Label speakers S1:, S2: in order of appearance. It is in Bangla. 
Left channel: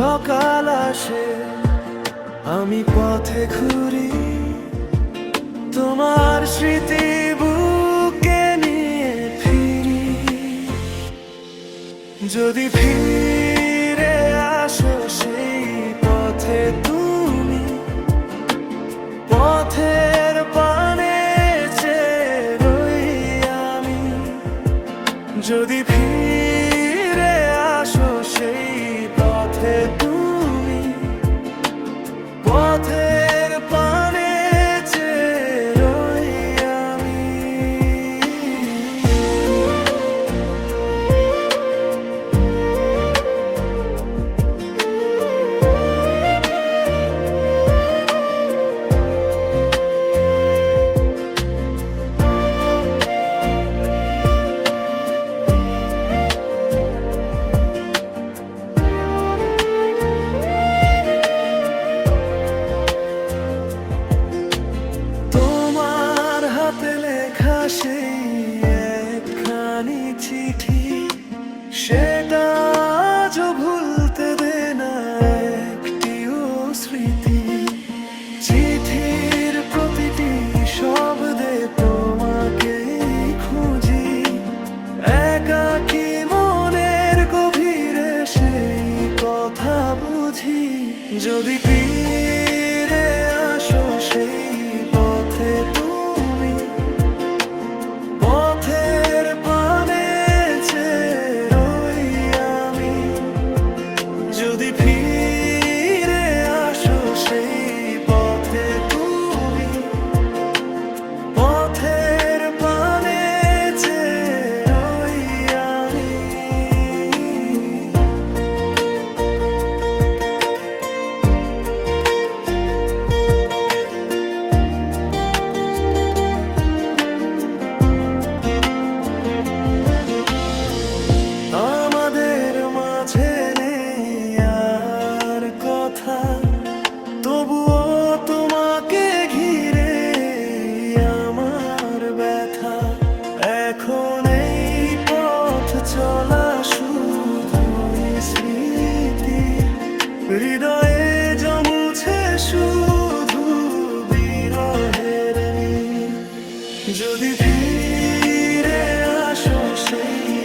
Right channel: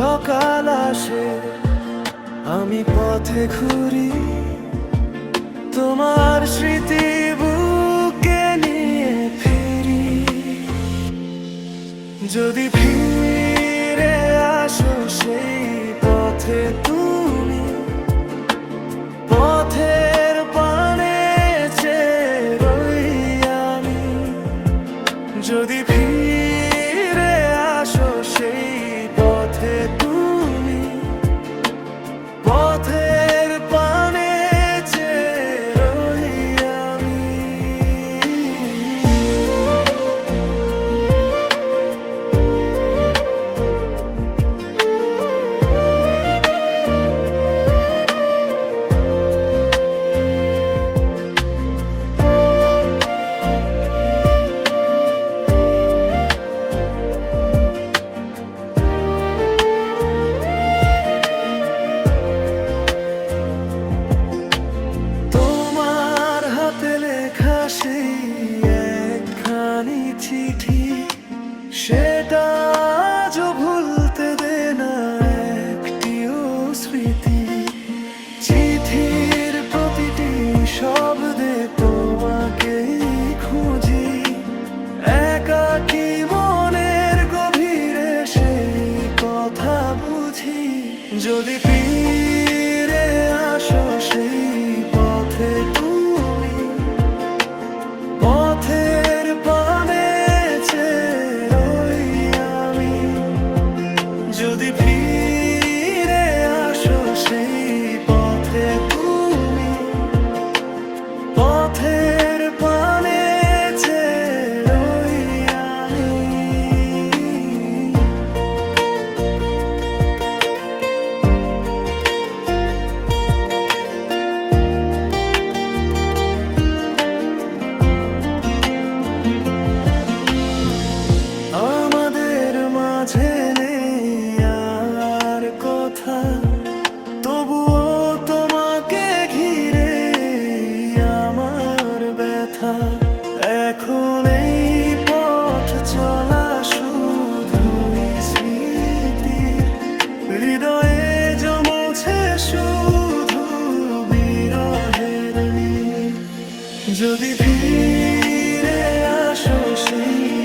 S1: সকাল আসে, আমি পথে ঘুরি। তোমার স্মৃতি বুকে নিয়ে ফিরি। যদি ফিরে আসো সেই পথে তুমি, পথের পানে রই আমি। যদি পথে তুমি পথের হাতে লেখা সেই একখানি চিঠি। সেটা আজও ভুলতে দে না একটিও স্মৃতি। চিঠির প্রতিটি শব্দে তোমাকেই খুঁজি। একাকি মনের গভীরে সেই কথা বুঝি? যদি ফিরে আসো সেই পথে তুমি যদি ফিরে আসো সেই পথে কথা, তবুও তোমাকে ঘিরে আমার ব্যথা। এখন এই পথ চলা শুধুই স্মৃতির। হৃদয়ে জমুছে শুধু বিরহের যদি ফিরে আসো সেই